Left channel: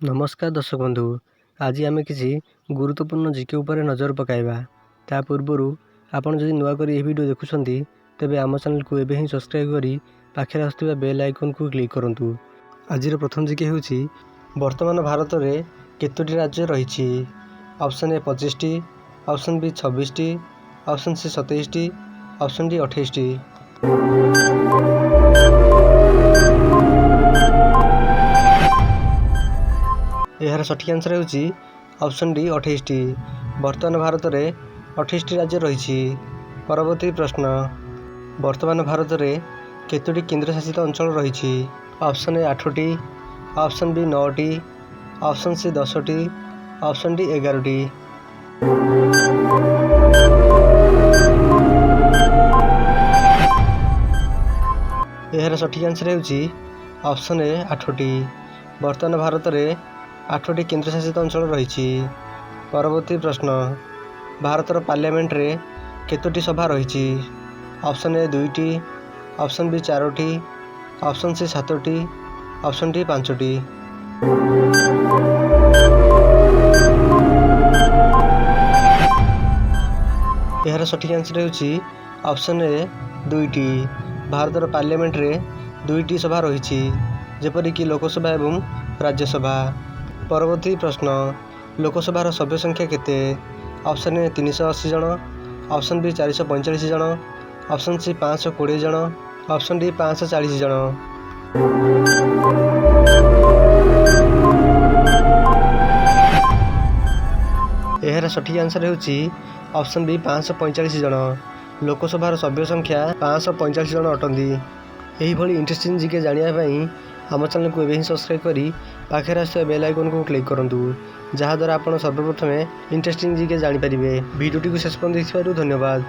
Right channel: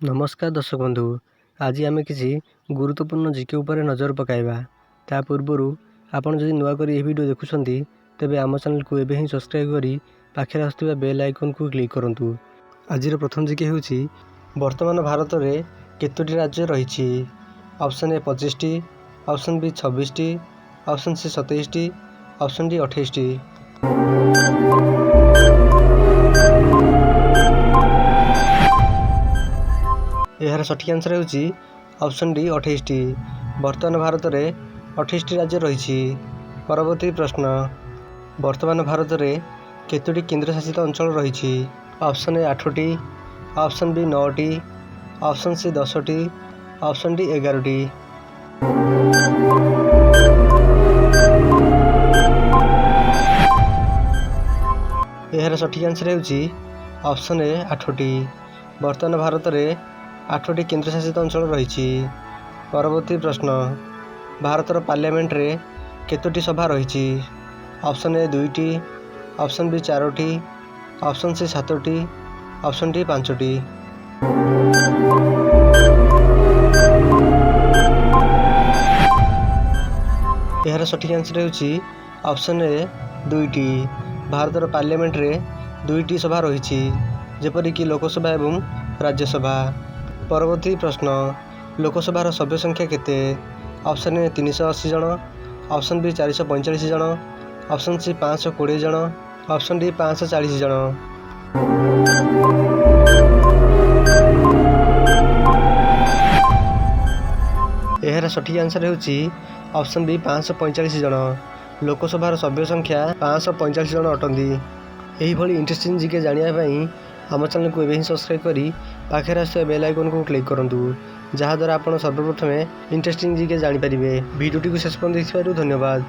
नमस्कार दर्शक बंधु, आज आम किसी गुरुत्वपूर्ण जीके उपर नजर पकाइबा। ता पूर्व आपन जदि नुआ करी वीडियो देखुछंती तेबे आम चैनल को एबे ही सब्सक्राइब करी पाखे आसुवा बेल आइकन को क्लिक करंतु। आज प्रथम जीके हेउची वर्तमान भारत में केतोटी राज्य रही। ऑप्शन ए 25टी, ऑप्शन बी 26टी, ऑप्शन सी 27टी, ऑप्शन डी 28टी। यार सठिक आंसर होउची ऑप्शन डी 28टी। वर्तमान भारत में 28टी राज्य रही। परवर्ती प्रश्न, वर्तमान भारत में केतोटी केंद्रशासित अंचल रही। ऑप्शन ए 8टी, ऑप्शन बी 9टी, ऑप्शन सी 10टी, ऑप्शन डी 11टी। यार सठिक आंसर होउची ऑप्शन ए 8टी। वर्तमान भारत में 8टी केंद्रशासित अंचल रही। परवर्ती प्रश्न, भारतर पार्लियामेंट रे केतोटी सभा रही। ऑप्शन ए 2टी, ऑप्शन बी 4टी, ऑप्शन सी 7टी, ऑप्शन डी 5टी। यार सठिक आंसर होउची ऑप्शन ए 2टी। भारतर पार्लियामेंट रे 2टी सभा रही, जेपरिक लोकसभा एवं राज्यसभा। परवर्ती प्रश्न, लोकसभार सभ्य संख्या केते? ऑप्शन ए 380 जन, ऑप्शन बी 445 जन, ऑप्शन सी 520 जन, ऑप्शन डी 540 जन। यार सठिक आंसर होउची ऑप्शन बी 545 जन। लोकसभार सभ्य संख्या 545 जन अटंती। यही भली इंटरेस्टिंग जीके जानिया पई आम चैनल को एबे सब्सक्राइब करी पाखे आसुवा बेल आइकन को क्लिक करंतु, जहाद्वारा आपण सर्वप्रथमे इंटरेस्टिंग जीके जानी पारिबे। वीडियोटी को शेष पर्यंत देखिबारु धन्यवाद।